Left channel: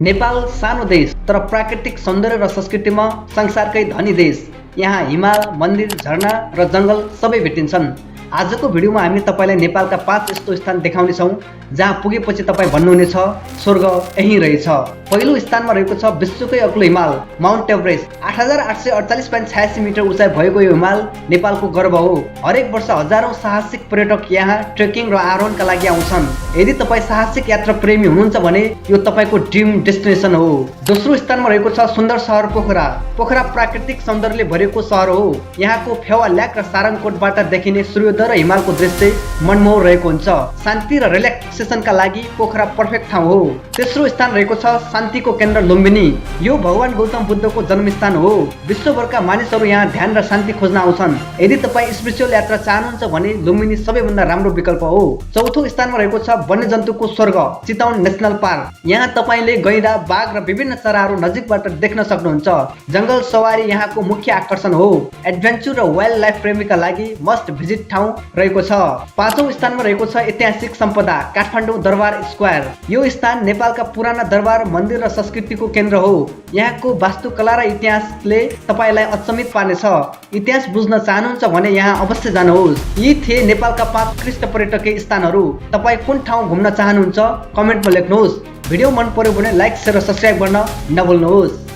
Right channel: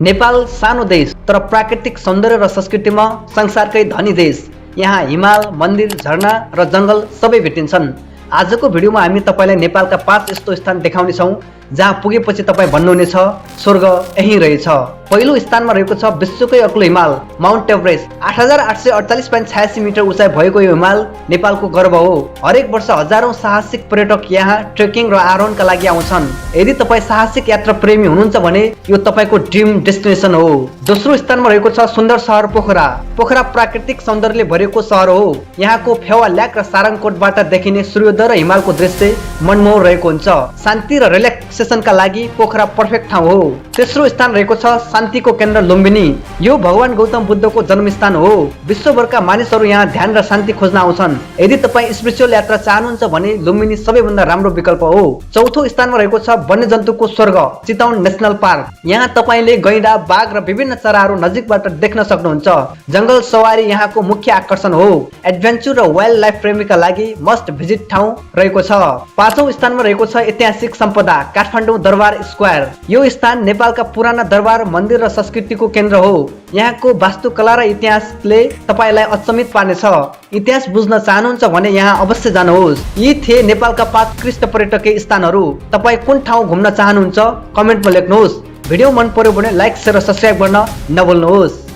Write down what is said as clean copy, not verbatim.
नेपाल सानो देश तर प्राकृतिक सौन्दर्य र संस्कृतिमा संसारकै धनी देश। यहाँ हिमाल, मन्दिर, झरना र जङ्गल सबै भेटिन्छन्। आजको भिडियोमा हामी तपाईलाई नेपालका 5 यस्तो स्थान देखाउनेछौँ जहाँ पुगेपछि तपाईँ भन्नुहुनेछ स्वर्ग यहीँ रहेछ। पहिलो स्थानमा रहेको छ विश्वकै अग्लो हिमाल माउन्ट एभरेस्ट। 8848.86 मिटर उचाइ भएको यो हिमाल नेपालको गर्व हो। हरेक वर्ष हजारौं साहसिक पर्यटक यहाँ ट्रेकिङ र आरोहणका लागि आउँछन्। यदि तपाईँ साहसिक यात्रा प्रेमी हुनुहुन्छ भने यो तपाईको ड्रिम डेस्टिनेसन हो। दोस्रो स्थानमा रहेको छ सुन्दर सहर पोखरा। पोखरा प्राकृतिक सौन्दर्यले भरिएको सहर हो। यहाँको फेवा ल्याक र सारङकोटबाट देखिने सूर्योदय र हिमालको दृश्य मनमोहक रहेको हुन्छ। शान्ति र रिल्याक्सेसनका लागि पोखरा पर्फेक्ट ठाउँ हो। तेस्रो स्थान रहेको छ शान्तिको केन्द्र लुम्बिनी। यो भगवान गौतम बुद्धको जन्मस्थान हो। विश्वभरका मानिसहरू यहाँ ध्यान र शान्ति खोज्न आउँछन्। यदि तपाईँ स्पिरिचुअल यात्रा चाहनुहुन्छ भने लुम्बिनी सबैभन्दा राम्रो विकल्प हो। चौथो स्थानमा रहेको छ वन्यजन्तुको स्वर्ग चितवन नेसनल पार्क। यहाँ तपाईँले गैंडा, बाघ र विभिन्न चराहरू नजिकबाट देख्न सक्नुहुन्छ। जङ्गल सवारी यहाँको मुख्य आकर्षण हो। एडभेन्चर र वाइल्ड लाइफ प्रेमीका लागि मस्ट भिजिट ठाउँ रहेको छ। पाँचौं स्थानमा रहेको छ ऐतिहासिक सम्पदा काठमाडौँ दरबार स्क्वायर। यो स्थान नेपालका पुराना दरबार, मन्दिर र संस्कृतिको केन्द्र हो। यहाँको वास्तुकला र इतिहासले तपाईँलाई अचम्मित पार्नेछ। इतिहास बुझ्न चाहनुहुन्छ भने यहाँ अवश्य जानुहोस्। यी थिए नेपालका 5 उत्कृष्ट पर्यटकीय स्थानहरू। तपाईँ कुन ठाउँ घुम्न चाहनुहुन्छ कमेन्टमा लेख्नुहोस्। भिडियो मन पर्यो भने लाइक, शेयर र सब्स्क्राइब गर्न नभुल्नुहोस्।